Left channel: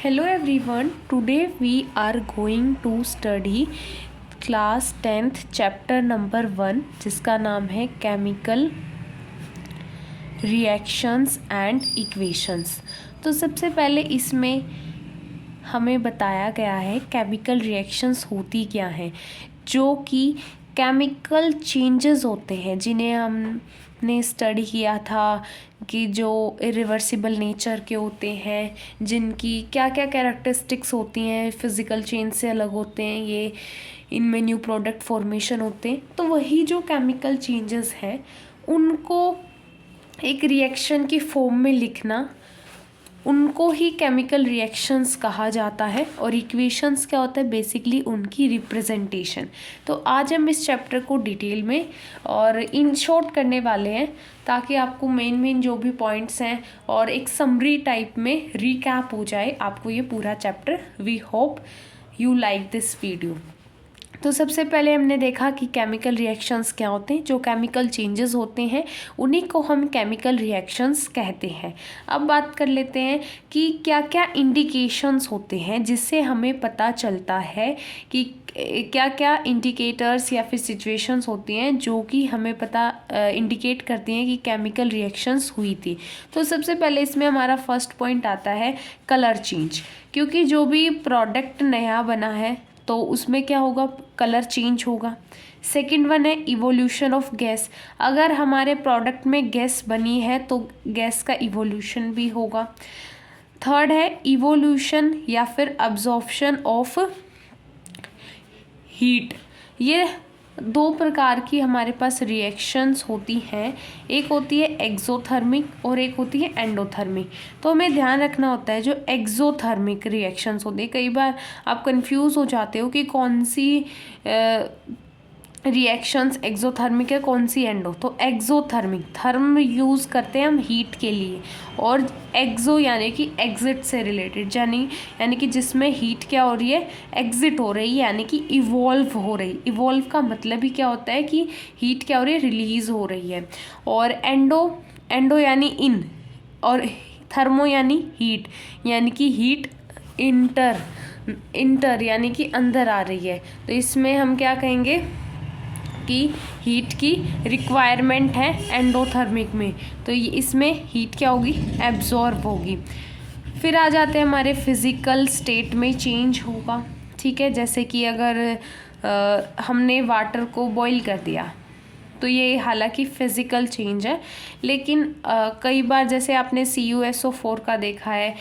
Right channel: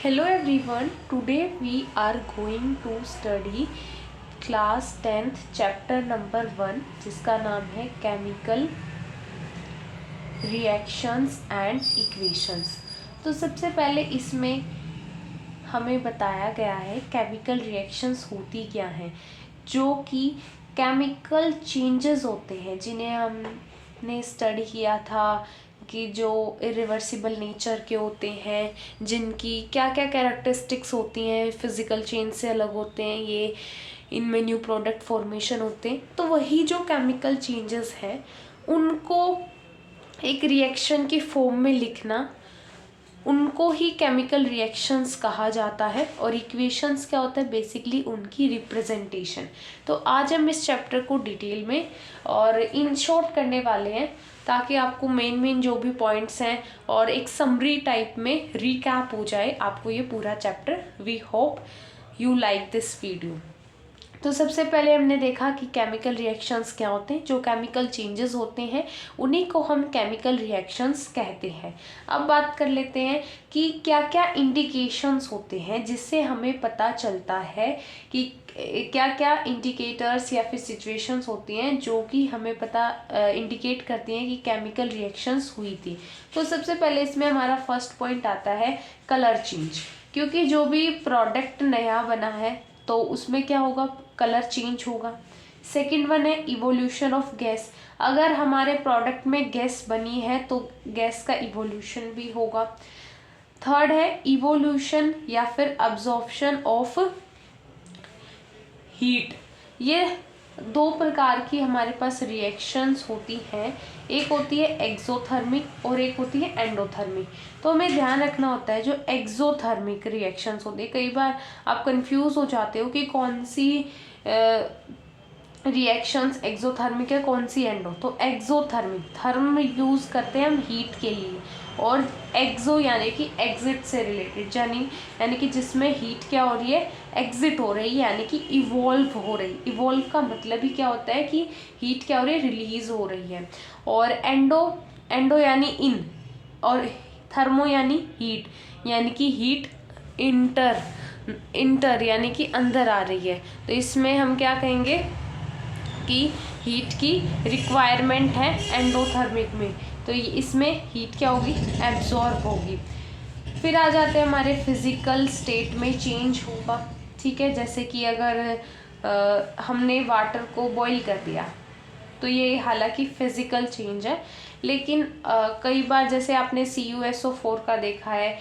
Hello everyone, today we are going to study class 10th chapter number 1 जिसका नाम है chemical reactions and equations. तो सबसे पहले इसमें हमें बताया गया है केमिकल रिएक्शंस होती क्या हैं, जो कि केमिकल चेंजेस होते हैं जिन्हें हमने स्टडी किया था कि जो इरिवर्सिबल नेचर के होते हैं, जिनकी क्या क्या कैरेक्टरिस्टिक्स होती हैं, फिज़िकल चेंज से अलग होते हैं, ये इनमें न्यू प्रोडक्ट फॉर्मेशन होते हैं। तो वही जो केमिकल चेंजेस है उनको एक रिएक्शन की फॉर्म में लिखना, उनको ही केमिकल रिएक्शंस कहा जाता है। और इक्वेशंस क्या होता है, बेसिकली उनकी रिप्रेजेंटेशन। तो आज हम इस चैप्टर को डिटेल में और इन शॉर्ट करने वाले हैं ताकि आपको मेन जो भी पॉइंट्स हैं और एक समरी टाइप में रिकैप हो जाए आपको ये पूरा चैप्टर। We hope you like this video. तो सबसे पहले हमने देखा कि केमिकल रिएक्शंस क्या होते हैं। जो केमिकल चेंजेस होते हैं उन्हीं को हम केमिकल रिएक्शंस कहते हैं। अब बात कर लेते हैं कि क्या क्या इंडिकेशंस होते हैं जिससे हमें पता चलता है कि क्या क्या इंडिकेटर्स या फिर सिचुएशंस होती हैं जो कि हमें पता इंडिकेट करती हैं कि केमिकल रिएक्शंस हुई थी। तो सबसे पहले इसमें हमारा फर्स्ट पॉइंट आता है कलर चेंज, क्योंकि जो भी प्रोडक्ट नया बना है तो उसमें क्या होगा, कलर चेंज होगा। सेकंड वन है इवोल्यूशन ऑफ गैस। अगर हमारे प्रोडक्ट में गैस बनी है तो गैस का इवोल्यूशन भी होगा। थर्ड है इवोल्यूशन या फिर अब्जॉर्प्शन ऑफ हीट। ये दो प्रकार की हमारे पास रिएक्शंस होती हैं, एक होती है एक्सोथर्मिक और एक होती है एंडोथर्मिक। तो हमें ध्यान रखना होता है जो एक्सोथर्मिक रिएक्शंस होती है, कई बार आप कंफ्यूज हो जाते हो कि कौन सी रिएक्शंस एक्सोथर्मिक है कौन सी एंडो। तो एक्सोथर्मिक, थर्म यूज़ करते हैं हम हीट के लिए, और एक्सो यानी कि एग्जिट से रिलेटेड, यानी कि जिसमें हीट क्या हो रही है, एग्जिट हो रही है, यानी कि इवॉल्व हो रही। इवॉल्व का मतलब ही क्या होता है कि हीट क्या हो रही है, रिलीज हो रही है। और एंडो यानी इन, और थर्मो यानी हीट, यानी कि हीट इंटर यानी कि अंदर आ रही है। तो इसमें हम क्या कहेंगे कि हीट की रिक्वायरमेंट है एंडोथर्मिक में, तो इसमें हीट क्या होगी, एब्जॉर्ब होगी। फिर आ जाते हैं हमारे फिजिकल स्टेट में चेंज होगा। ठीक है, जैसे कि अगर हमने वाटर को बॉईल कर दिया तो ये हालांकि फिजिकल चेंज है, लेकिन कई बार जैसे आपने CuSO4 का देखा है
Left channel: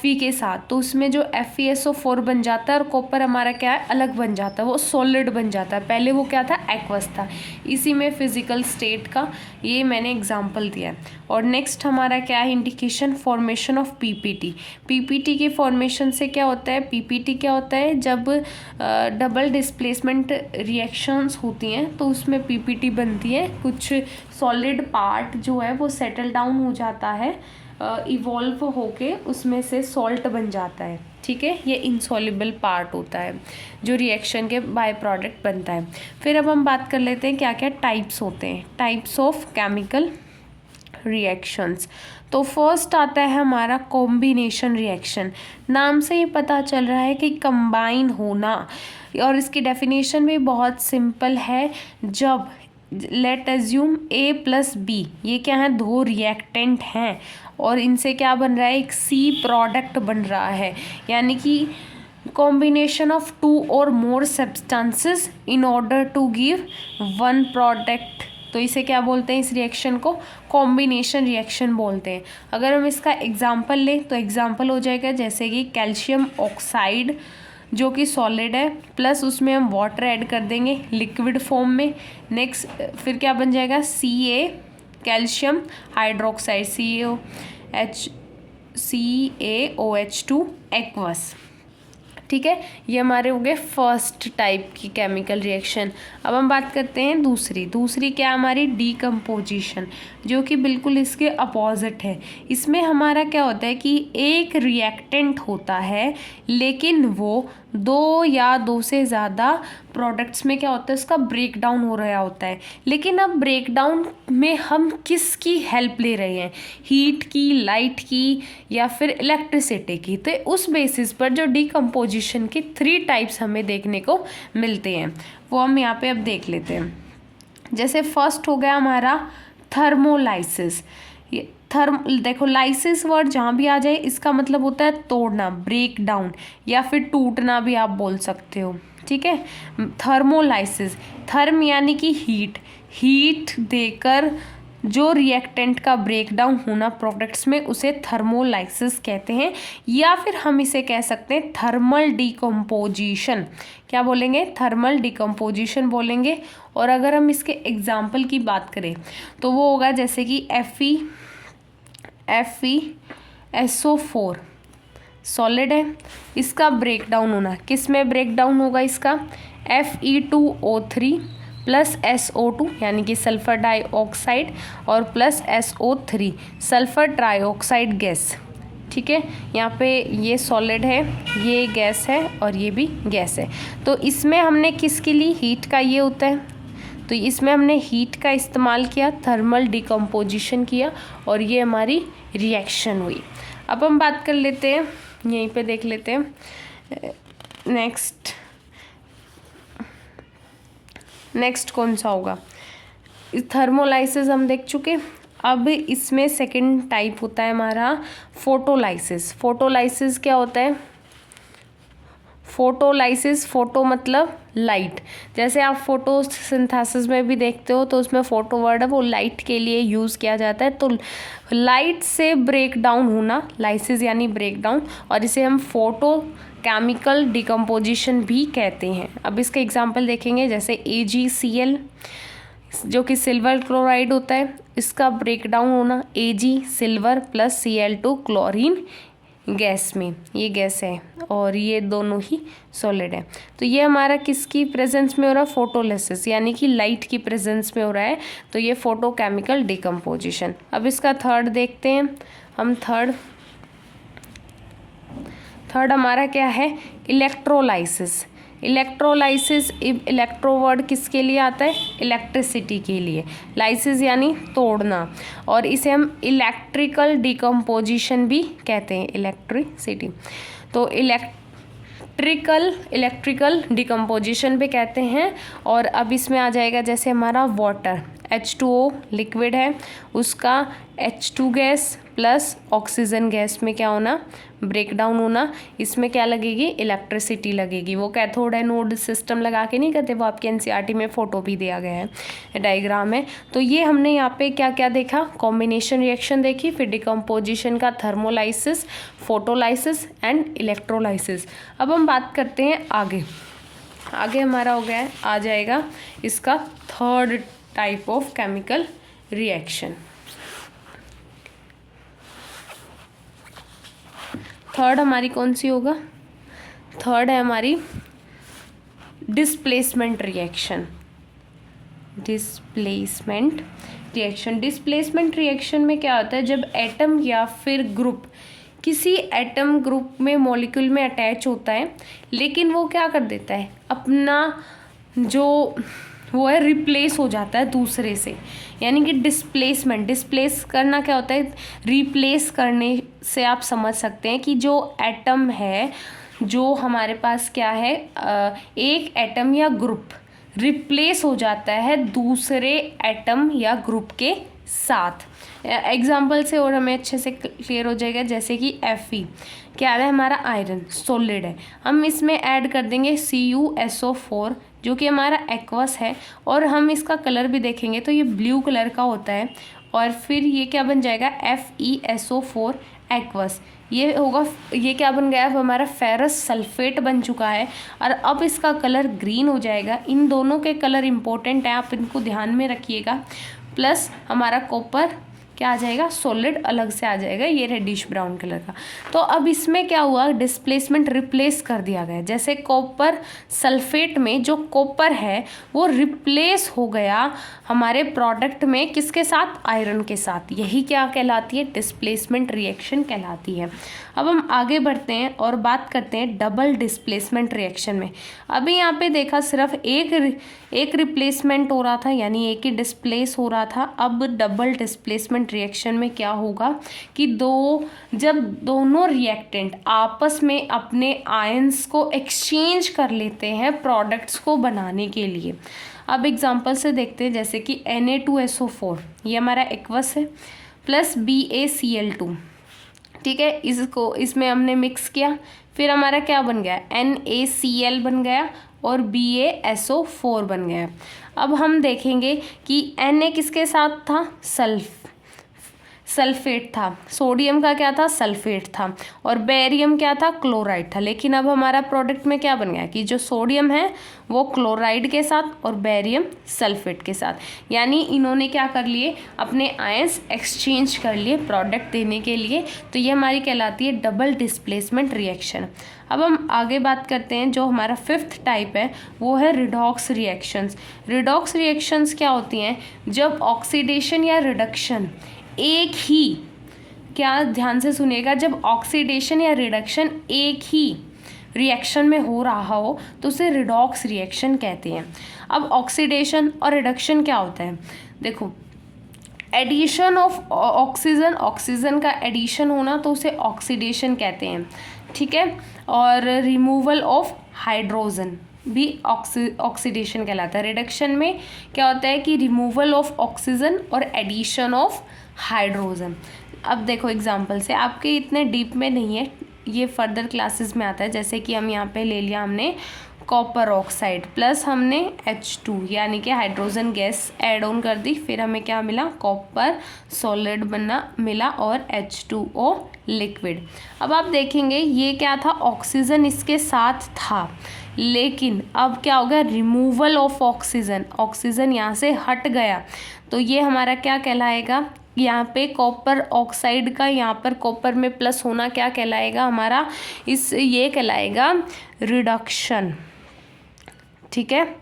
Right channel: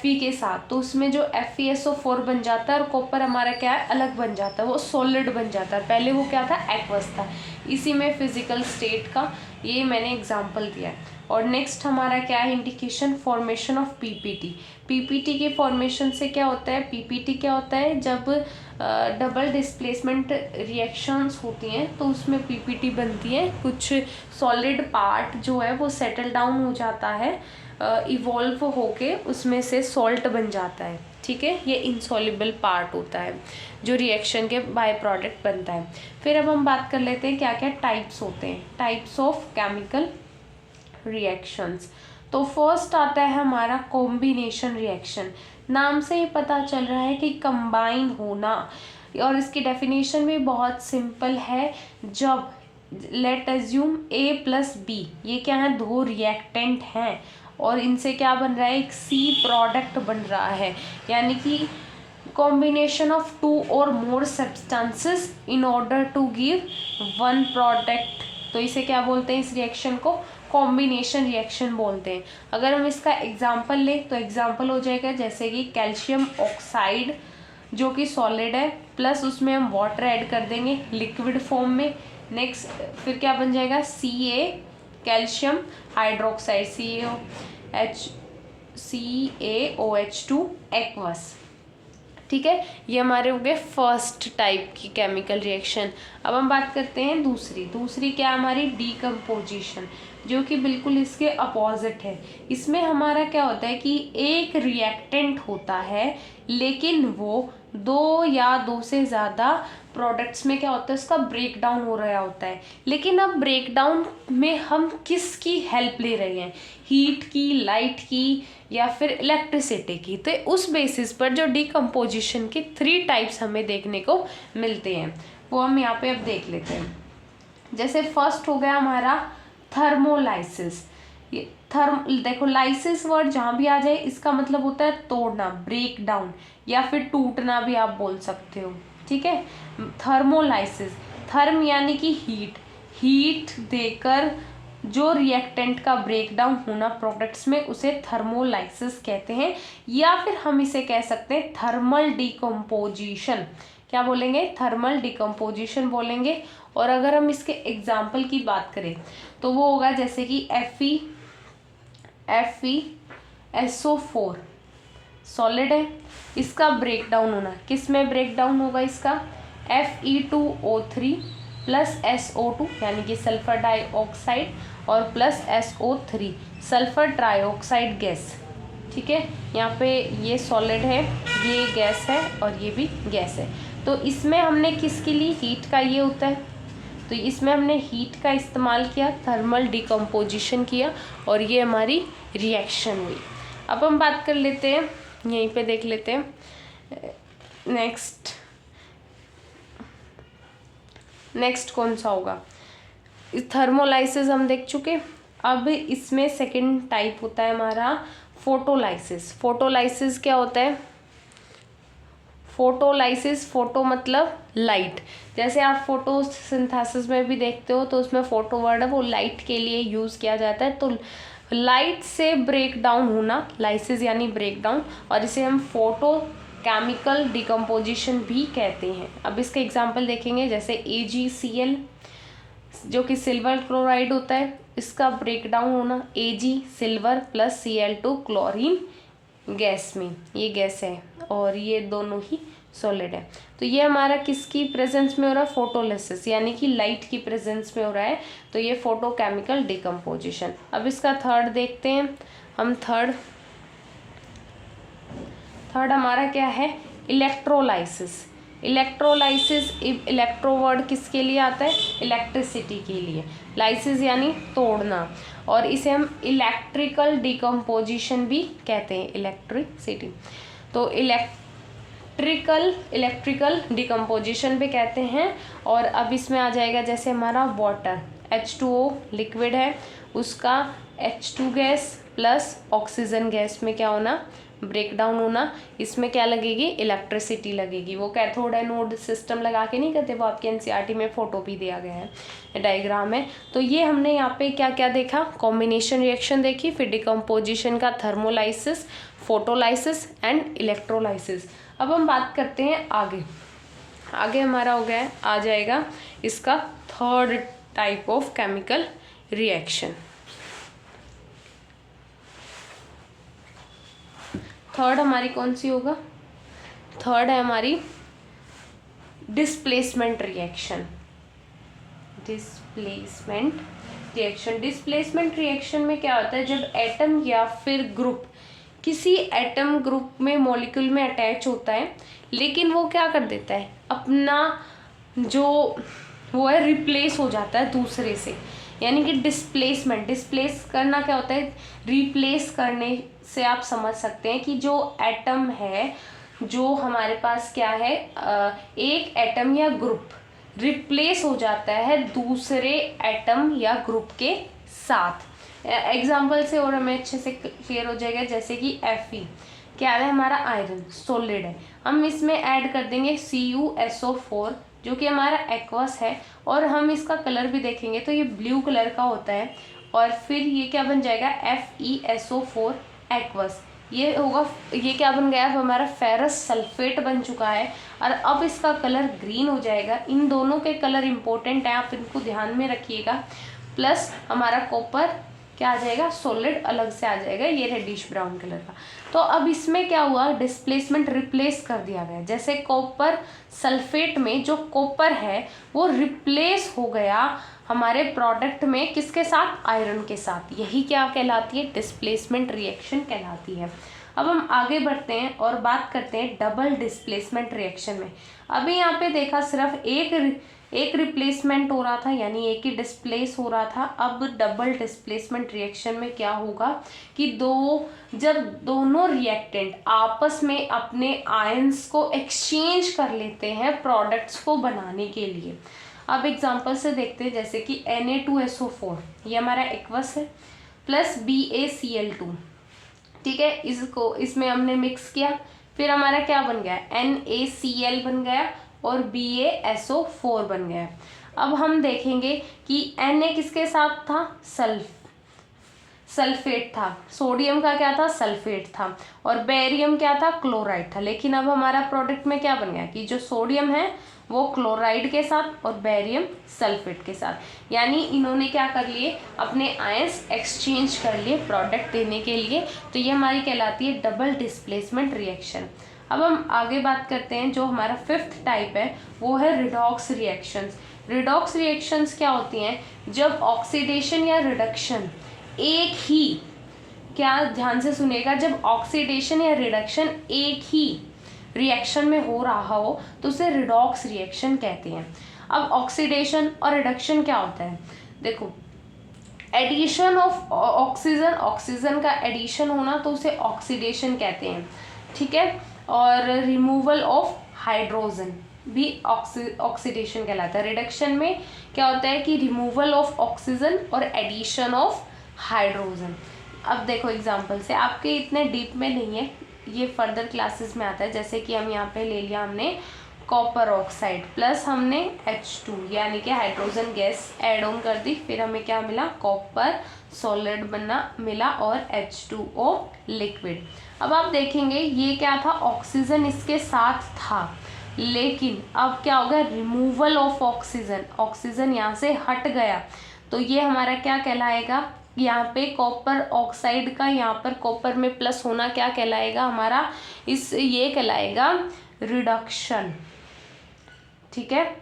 Fe के साथ, तो उसमें जो FeSO4 बन जाता है और कॉपर हमारा क्या है, अलग बन जाता है, वो सॉलिड बन जाता है। पहले वो क्या था, एक्वस था। इसी में फिजिकल स्टेट का ये मैंने एग्जाम्पल दिया है। और नेक्स्ट हमारा क्या है इंडिकेशन, फॉर्मेशन ऑफ पीपीटी के फॉर्मेशन से क्या होता है, पीपीटी क्या होता है, जब डबल डिस्प्लेसमेंट रिएक्शंस होती हैं तो उसमें पीपीटी बनती है। कुछ सॉलिड पार्ट जो है वो सेटल डाउन हो जाता है, इवॉल्व होके उसमें से सॉल्ट बन जाता है। ठीक है, ये इनसॉल्युबल पार्ट होता है जो रिएक्शन के बाय प्रोडक्ट बनता है। फिर अब हम बात कर लेते हैं क्या क्या टाइप्स होते हैं, टाइप्स ऑफ केमिकल रिएक्शंस। तो फर्स्ट आता है हमारा कॉम्बिनेशन रिएक्शन। नाम से ही पता चल रहा है कि कंबाइन होना, और इसकी डेफिनेशन भी बहुत सिंपल है। जब लेट एज्यूम A+B, ये क्या है, दो रिएक्टेंट हैं और इनसे क्या बन रहा है, एक C प्रोडक्ट बन रहा है, यानी कि कॉम्बिनेशन ऑफ 2 और more substances in order to give 1 product. तो इसे क्या बोलते हैं, इस रिएक्शन को कॉम्बिनेशन रिएक्शन बोलते हैं। अगर हम इसका एग्जांपल लें तो एग्जांपल हो जाएगा जैसे कि कैल्शियम ऑक्साइड जो कि सॉलिड है, प्लस उसमें हम वाटर ऐड कर देंगे लिक्विड फॉर्म में। नेक्स्ट फिर क्या बन जाएगा, Ca calcium hydroxide, CaOH2 aqueous. ठीक है, ये हमारे हो गए फर्स्ट टाइप की केमिकल रिएक्शन। अब हम बात करते हैं दूसरी क्या हमारी, डीकम्पोजिशन, जो कि बिल्कुल इसके अपोजिट है। इसमें हमारा क्या होता है कि एक रिएक्टेंट होता है लेकिन वो 2 या 2 से ज़्यादा प्रोडक्ट्स में क्या होता है, इसका ब्रेक डाउन हो रहा होता है। लेकिन अब ब्रेक डाउन में हम किसकी हेल्प ले रहे हैं, हीट की, लाइट की या फिर इलेक्ट्रिसिटी की। तो उस बेसिस पर जो डिकम्पोजिशन की 3 टाइप्स हमें देखने को मिलते हैं वो हम यहाँ पे अब देख लेते हैं। जैसे फर्स्ट हो गया हमारा थर्मोलाइसिस। ये देखो लाइसिस वर्ड जहाँ भी आ जाए इसका मतलब होता है तोड़ना, ब्रेक डाउन या फिर टूटना भी आप बोल सकते हो, ठीक है। थर्मोलाइसिस, थर्म यानी कि हीट देकर जो रिएक्टेंट का ब्रेक डाउन होना प्रोडक्ट्स में उसे थर्मोलाइसिस कहते हैं, या फिर हम इसे कह सकते हैं थर्मल डिकम्पोजिशन। क्या बोलेंगे, थर्मल डिकम्पोजिशन बोलेंगे। और अगर हम इसके एग्जाम्पल की बात करें तो वो होगा जैसे कि FeSO4 सॉलिड है, इसका ब्रेक डाउन होना किस में ब्रेक डाउन होगा, इसका Fe2O3 प्लस SO2 यानी कि सल्फर डाइऑक्साइड और plus SO3 sulphur trioxide gas, ठीक है। यहाँ पे ये सॉलिड है, ये गैस है और ये भी गैस है। तो इसमें हमने किसके लिए, हीट का ये होता है, तो इसमें हमने हीट का इस्तेमाल किया, थर्मल डिकम्पोजिशन किया और ये हमारी रिएक्शन हुई। अब हम बात कर लेते हैं, यहीं पे देख लेते हैं नेक्स्ट कौन सा होगा। थर्मोलाइसिस हम देख चुके। अब इसमें सेकंड टाइप होता है हमारा फोटोलाइसिस। फोटोलाइसिस क्या होता है, फोटोलाइसिस, फोटो मतलब लाइट। जैसे आप फोटोसिंथेसिस में भी देखते हो तो उसमें फोटो वर्ड है वो लाइट के लिए यूज़ किया जाता है। तो लाइट से ब्रेक डाउन होना, लाइसिस यानी ब्रेक डाउन, और इसे हम फोटो केमिकल डिकम्पोजिशन भी कहते हैं। अब इसके एग्जांपल देखेंगे, जैसे AgCl जो कि सिल्वर क्लोराइड होता है, इसका ब्रेक डाउन होना Ag silver plus Cl2 chlorine gas में, ये गैस है और ये दोनों ही सॉलिड है। तो ये हमारा किसकी प्रेजेंस में हो रहा है, फोटोलिसिस यानी कि लाइट की प्रेजेंस में हो रहा है। तो ये फोटोकेमिकल डिकम्पोजिशन। अब इसका थर्ड देखते हैं हम। थर्ड हमारा क्या है, इलेक्ट्रोलाइसिस। इलेक्ट्रोलाइसिस, इलेक्ट्रो वर्ड किसके लिए आता है, इलेक्ट्रिसिटी के लिए, लाइसिस यानी तोड़ना, और इसे हम इलेक्ट्रिकल डिकम्पोजिशन भी कहते हैं, इलेक्ट्रिसिटी। तो इलेक्ट्रिकल डिकम्पोजिशन भी कहते हैं। और अब इसमें आ जाएगा जैसे हमारा वाटर, H2O लिक्विड है, उसका H2 gas plus oxygen gas में क्या होना, ब्रेक डाउन होना। इसमें क्या लगेगी, इलेक्ट्रिसिटी लगेगी। वो कैथोड एनोड सिस्टम लगा के नहीं करते, वो आपके NCERT में फोटो भी दिया गया है, डायग्राम है। तो ये हमने यहाँ पे क्या क्या देखा, कॉम्बिनेशन रिएक्शन देखी, फिर डिकम्पोजिशन का थर्मोलाइसिस, फोटोलाइसिस एंड इलेक्ट्रोलाइसिस। अब हम बात करते हैं आगे हमारा हो गया, आ जाएगा इसका third type of chemical reaction. Third हमारी कौन सी होगा, थर्ड है हमारी डिस्प्लेसमेंट रिएक्शन। डिस्प्लेसमेंट रिएक्शन में क्या होता है, जब एटम या फिर ग्रुप किसी एटम ग्रुप में मॉलिक्यूल में अटैच होता है, लेकिन वो क्या कर देता है, अपना जो वो है रिप्लेस हो जाता है दूसरे से, यानी कि डिस्प्लेस करना क्या होता है, रिप्लेस करने से आप समझ सकते हैं कि जो एटम है, जो हमारे पास क्या है, एक एटम या ग्रुप रिप्लेस हो जाता है दूसरे एटम या ग्रुप के साथ। एग्जाम्पल से और हमें अच्छे से क्लियर हो जाएगा, जैसे कि Fe क्या है, हमारा आयरन सॉलिड है, हम इसमें ऐड कर देंगे CuSO4 जो कि हमारा एक्वस है, और हम इसका कलर भी देखेंगे तो ये ब्लू कलर का होता है, और फिर ये क्या बन जाएगा, FeSO4 एक्वस। ये होगा, ये क्या बन गया, अब हमारा फेरस सल्फेट बन चुका है, और अब इसका कलर ग्रीन हो जाएगा। इन दोनों के कलर इंपॉर्टेंट है, आप इनको ध्यान में रखिएगा। प्लस हमारा कॉपर क्या आ जाएगा, सॉलिड अलग से आ जाएगा, ये रेडिश ब्राउन कलर का। तो अब इसमें क्या हुआ, डिस्प्लेसमेंट, रिप्लेस कर दिया गया। जैसे कॉपर सल्फेट में जो कॉपर है वो रिप्लेस हो गया हमारे प्रोडक्ट में, किसके साथ, आयरन के साथ। यही क्या कहलाती है, डिस्प्लेसमेंट रिएक्शन कहलाती है। अब हम आगे बढ़ते हैं और बात करते हैं डबल डिस्प्लेसमेंट रिएक्शन में। अभी यहाँ पे देखा सिर्फ एक रिप्लेसमेंट हो रहा था, यानी एक ही डिस्प्लेस हो रहा था। अब डबल डिस्प्लेसमेंट रिएक्शन में क्या होगा कि जब दोनों रिएक्टेंट आपस में अपने आयंस को एक्सचेंज कर लेते हैं प्रोडक्ट्स को बनाने के लिए। अब एग्जांपल से देखते हैं, जैसे कि Na2SO4 ये हमारा एक्वस है प्लस BaCl2, ठीक है। इसमें हमने मिक्स किया, फिर हमारा क्या बन गया, NaCl बन गया और BaSO4 बन गया। अब हम देखेंगे कि Na किसके साथ था, सल्फेट था, सोडियम का क्या था, सल्फेट था, और बेरियम क्या था, क्लोराइड था। लेकिन अब हमारा प्रोडक्ट में क्या बन गया कि जो सोडियम है वो क्लोराइड के साथ और बेरियम सल्फेट के साथ, यानी इन्होंने क्या कर लिए, अपने आयंस एक्सचेंज कर लिए प्रोडक्ट देने के लिए। तो ये हमारी कहलाती है डबल डिस्प्लेसमेंट रिएक्शन। अब हम आगे बात करते हैं, जो हमारा फिफ्थ टाइप है वो है रिडॉक्स रिएक्शंस। रिडॉक्स रिएक्शंस क्या होती हैं, जब ऑक्सीडेशन या रिडक्शन एक ही, क्या ध्यान से सुनिएगा, जब ऑक्सीडेशन या रिडक्शन एक ही रिएक्शन में हो रहा हो तो उसे रिडॉक्स रिएक्शन कहते हैं। अब ऑक्सीडेशन और रिडक्शन क्या होता है, देखो, एडिशन ऑफ ऑक्सीजन, ऑक्सीजन का एडिशन होना तो उसे ऑक्सीडेशन कहते हैं, ठीक है। और रिमूवल ऑफ हाइड्रोजन भी ऑक्सीडेशन कहलाता है। रिडक्शन में क्या होता है कि रिमूवल ऑफ ऑक्सीजन और एडिशन ऑफ हाइड्रोजन। अब देखो एग्जांपल से, आपके इतने डीप में नहीं है, ये फर्दर क्लासेस में आता है। जैसे कि हम यहाँ पे ले लिया हमने कॉपर ऑक्साइड प्लस हमने H2 यानी कि हाइड्रोजन गैस ऐड ऑन कर दी, फिर हमें क्या मिला, कॉपर सॉलिड मिला और H2O लिक्विड। अब आप देखेंगे ये क्या था, ऑक्सीजन इसके साथ था, लेकिन अब क्या हो गया, रिमूवल ऑफ ऑक्सीजन, ऑक्सीजन यहाँ से हट गया, तो ये हमारा क्या कहलाएगा, यहाँ पे कॉपर ऑक्साइड का यहाँ पर कॉपर में प्लस होना क्या कहलाएगा हमारा, ये कहलाएगा रिडक्शन, ठीक है।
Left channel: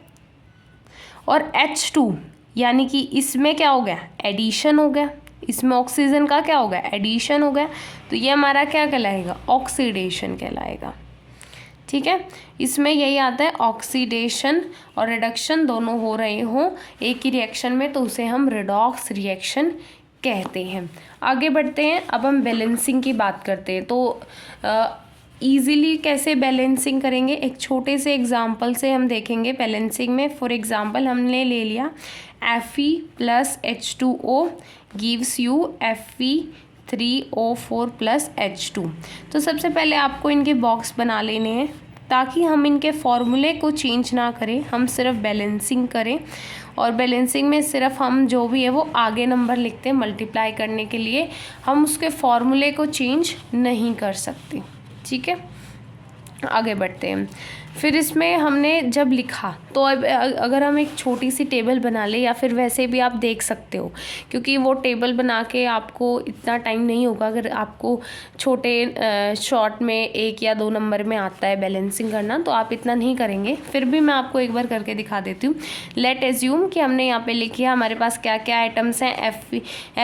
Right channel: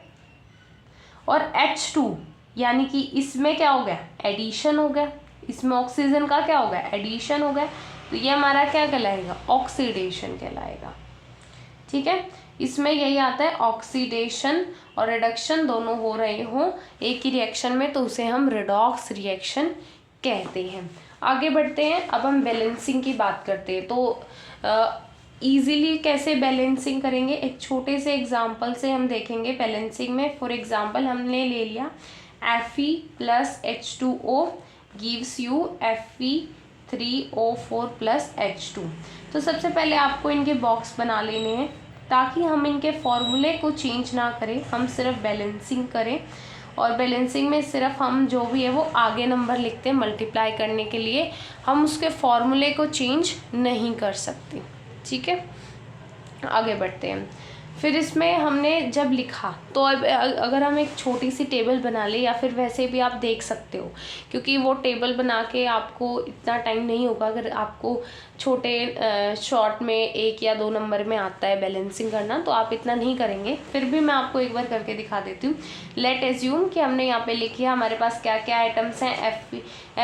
और H2 यानी कि इसमें क्या हो गया, एडिशन हो गया, इसमें ऑक्सीजन का क्या हो गया, एडिशन हो गया, तो ये हमारा क्या कहलाएगा, ऑक्सीडेशन कहलाएगा, ठीक है। इसमें यही आता है, ऑक्सीडेशन और रिडक्शन दोनों हो रहे हों एक ही रिएक्शन में तो उसे हम रिडॉक्स रिएक्शन कहते हैं। आगे बढ़ते हैं, अब हम बैलेंसिंग की बात करते हैं। तो ईज़िली कैसे बैलेंसिंग करेंगे, एक छोटे से एग्जांपल से हम देखेंगे बैलेंसिंग में। फॉर एग्जांपल हमने ले लिया Fe plus H2O gives you Fe3O4 plus H2। तो सबसे पहले आपको इनके बॉक्स बना लेने हैं ताकि हम इनके फॉर्मूले को चेंज ना करें, हम सिर्फ बैलेंसिंग करें। और बैलेंसिंग में सिर्फ हम जो भी है वो आगे नंबर लिखते हैं मल्टीप्लाई करने के लिए, हम उसके फॉर्मूले को चेंज नहीं कर सकते, ठीक है। आगे बढ़ते हैं, फिर इसमें हमने जब लिखा तो अब अगर हम एक छोटी सी टेबल बना ले, या फिर वैसे भी आप देख सकते हो, क्योंकि वो टेबल बना के आपको इतना टाइम नहीं होगा। अगर आपको छोटे शॉर्ट में 1 या 2 नंबर में आता है बैलेंसिंग करना तो आप इतना नहीं करेंगे, फिर भी मैं आपको एक बार करके दिखा देती हूँ। लेट एज्यूम कि हमने यहाँ पे लिखी है, हमारे पास क्या क्या आइटम्स हैं,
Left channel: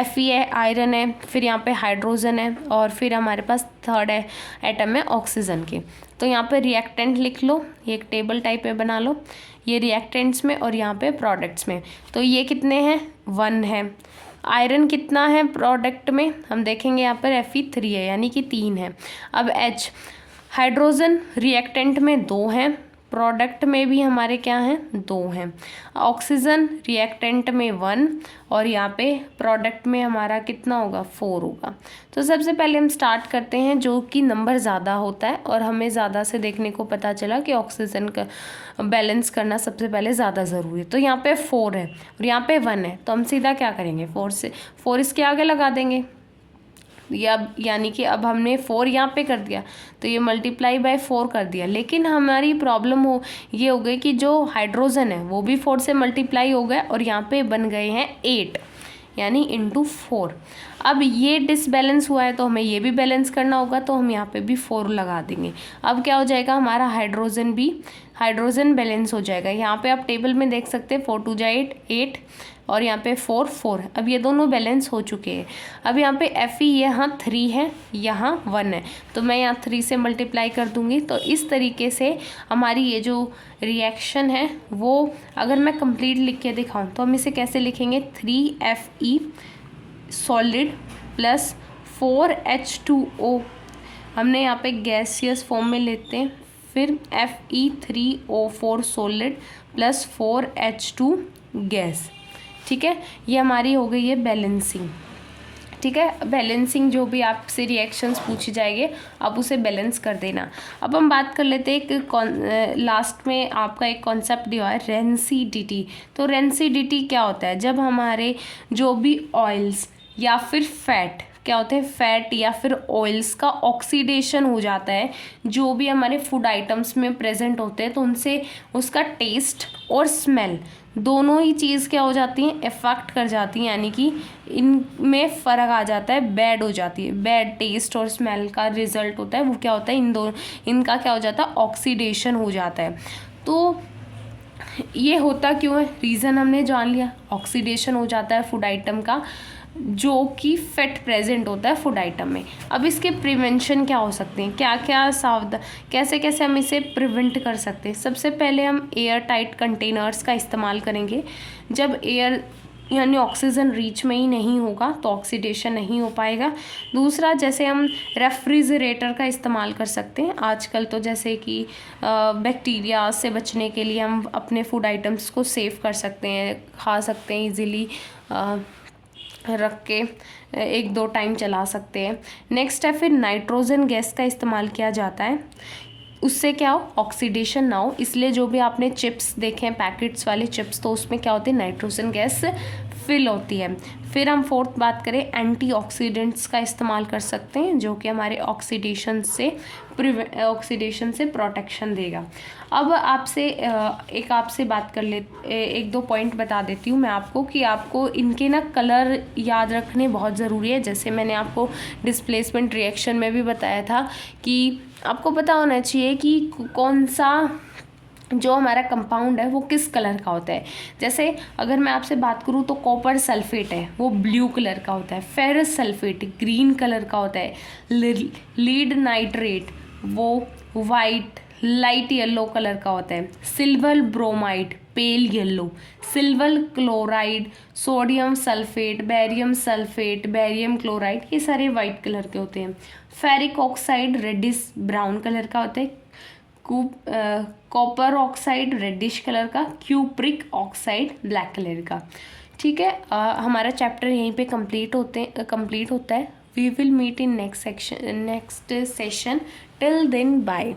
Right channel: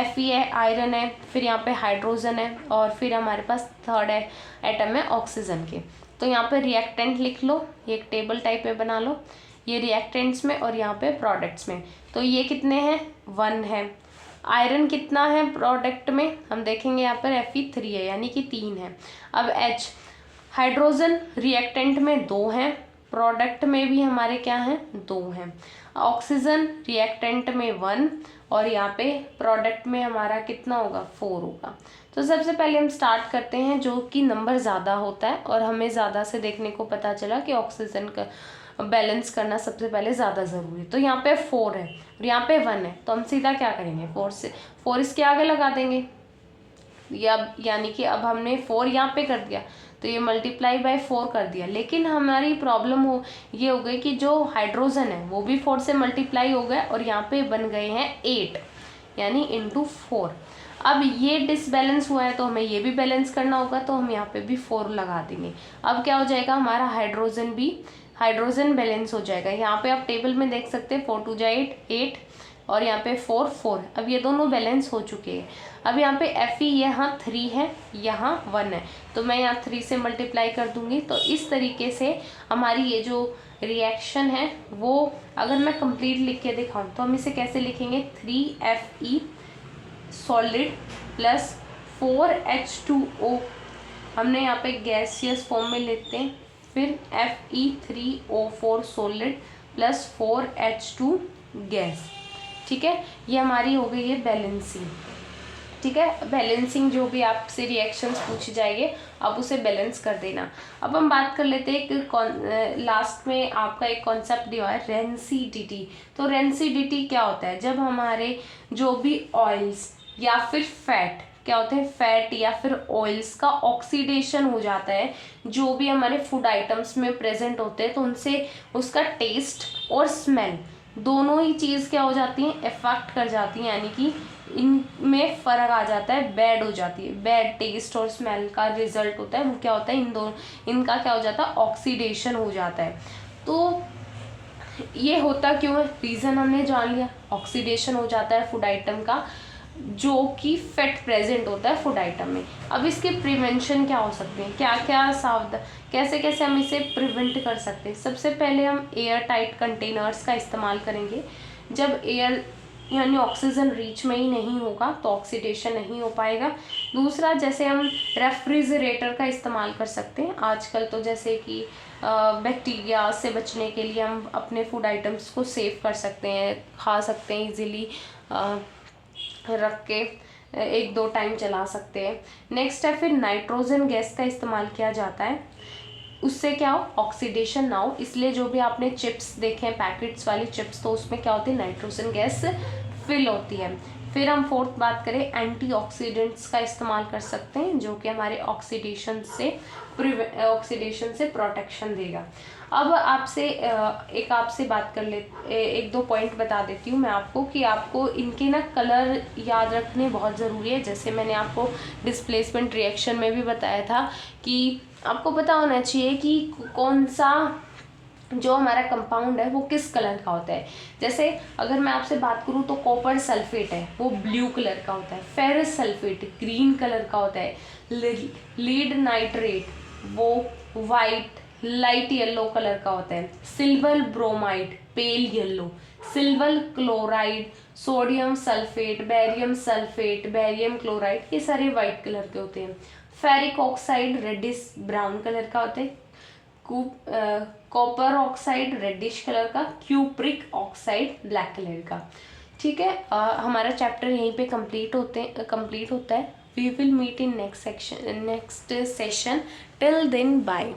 Fe है, आयरन है, फिर यहाँ पे हाइड्रोजन है, और फिर हमारे पास थर्ड आइटम है ऑक्सीजन के। तो यहाँ पे रिएक्टेंट लिख लो, ये एक टेबल टाइप में बना लो, ये रिएक्टेंट्स में और यहाँ पे प्रोडक्ट्स में। तो ये कितने हैं, 1 है। आयरन कितना है प्रोडक्ट में, हम देखेंगे यहाँ पर Fe3 है यानी कि 3 है। अब H, हाइड्रोजन रिएक्टेंट में 2 हैं, प्रोडक्ट में भी हमारे क्या हैं, 2 हैं। ऑक्सीजन रिएक्टेंट में 1 और यहाँ पे प्रोडक्ट में हमारा कितना होगा, 4 होगा। तो सबसे पहले हम स्टार्ट करते हैं जो कि नंबर ज़्यादा होता है, और हमें ज़्यादा से देखने को पता चला कि ऑक्सीजन का बैलेंस करना सबसे पहले ज़्यादा ज़रूरी है। तो यहाँ पे 4 है और यहाँ पे 1 है, तो हम सीधा क्या करेंगे, 4 इसके आगे लगा देंगे, यानी कि अब हमने 4 यहाँ पे कर दिया तो ये मल्टीप्लाई बाय 4 कर दिया। लेकिन हमारी प्रॉब्लम ये हो गई कि जो हाइड्रोजन है वो भी 4 से मल्टीप्लाई हो गए और यहाँ पे बन गए हैं 8 यानी इंटू 4। अब ये डिसबैलेंस हुआ है तो हमें ये भी बैलेंस करना होगा, तो हम यहाँ पे भी 4 लगा देंगे। अब क्या हो जाएगा, हमारा हाइड्रोजन बैलेंस हो जाएगा। यहाँ पे आप टेबल में देख सकते हैं 4 2 जा 8, और यहाँ पे 4 4। अब ये दोनों बैलेंस हो चुके हैं। अब यहाँ पे Fe यहाँ 3 है, यहाँ 1 है, तो मैं यहाँ 3 से मल्टीप्लाई कर दूंगी। तो इस तरीके से हमारी ये जो रिएक्शन है वो अगर मैं कंप्लीट लिख के दिखाऊँ तो हम इसे कैसे लिखेंगे, 3Fe सॉलिड प्लस 4H2O, हमने यहाँ पे गैसियस फॉर्म में लेते हैं, फिर Fe3O4 solid plus 4H2 gas. ठीक है, ये हमारी हो गई है बैलेंसिंग। ठीक है, बैलेंसिंग जो भी आपसे रिएक्शंस पूछी जाएंगे आप उसे बैलेंस कर देना। अब हम बात कर लेते हैं एक लास्ट में आपका एक कॉन्सेप्ट दिया है रेंसिडिटी। तो रेंसिडिटी क्या होता है, जब हमारे जो भी ऑयल्स या फिर फैट क्या होते हैं, फैट या फिर ऑयल्स का ऑक्सीडेशन हो जाता है, जो भी हमारे फूड आइटम्स में प्रेजेंट होते हैं, तो उनसे उसका टेस्ट और स्मेल दोनों ही चीज़ क्या हो जाती हैं, इफेक्ट कर जाती हैं, यानी कि इनमें फ़र्क आ जाता है, बैड हो जाती है। बैड टेस्ट और स्मेल का रिजल्ट होता है वो क्या होता है, इनका क्या हो जाता है, ऑक्सीडेशन हो जाता है। तो ये होता क्यों है, रीज़न हमने जान लिया, ऑक्सीडेशन हो जाता है फूड आइटम का जो कि फैट प्रेजेंट होता है फूड आइटम में। अब इसके प्रिवेंशन क्या हो सकते हैं, क्या क्या कैसे कैसे हम इसे प्रिवेंट कर सकते हैं। सबसे पहले हम एयर टाइट कंटेनर्स का इस्तेमाल करेंगे। जब एयर यानी ऑक्सीजन रीच में ही नहीं होगा तो ऑक्सीडेशन नहीं हो पाएगा। दूसरा, जैसे हम रेफ्रिजरेटर का इस्तेमाल कर सकते हैं आजकल, तो जैसे कि बैक्टीरिया से बचने के लिए हम अपने फूड आइटम्स को सेव कर सकते हैं, खा सकते हैं इजीली, रख के 1-2 टाइम चला सकते हैं। नेक्स्ट है फिर नाइट्रोजन गैस का इस्तेमाल किया जाता है, उससे क्या हो, ऑक्सीडेशन ना हो, इसलिए जो भी आपने चिप्स देखे हैं पैकेट्स वाली चिप्स, तो उसमें क्या होती है, नाइट्रोजन गैस फिल होती है। फिर हम फोर्थ बात करें, एंटीऑक्सीडेंट्स का इस्तेमाल कर सकते हैं जो कि हमारे ऑक्सीडेशन से प्रोटेक्शन देगा। अब आपसे बात कर ले, 1-2 पॉइंट बता देती हूँ मैं आपको कि आपको इनके ना कलर याद रखने बहुत ज़रूरी है। जैसे मैंने आपको डिस्प्लेसमेंट रिएक्शन में भी बताया था कि आपको पता होना चाहिए कि कौन सा जो हमारा कंपाउंड है वो किस कलर का होता है। जैसे अगर मैं आपसे बात करूँ तो कॉपर सल्फेट है वो ब्लू कलर का होता है, फेरस सल्फेट ग्रीन कलर का होता है, लीड नाइट्रेट वो वाइट लाइट येलो कलर का होता है, silver bromide pale yellow, silver chloride, sodium sulphate, barium chloride, ये सारे वाइट कलर के होते हैं। Ferric oxide reddish brown colour का होता है, कॉपर ऑक्साइड रेडिश कलर का, क्यूप्रिक ऑक्साइड ब्लैक कलर का। ठीक है, हमारा चैप्टर यहीं पे कंप्लीट होता है। We will meet in next session till then bye.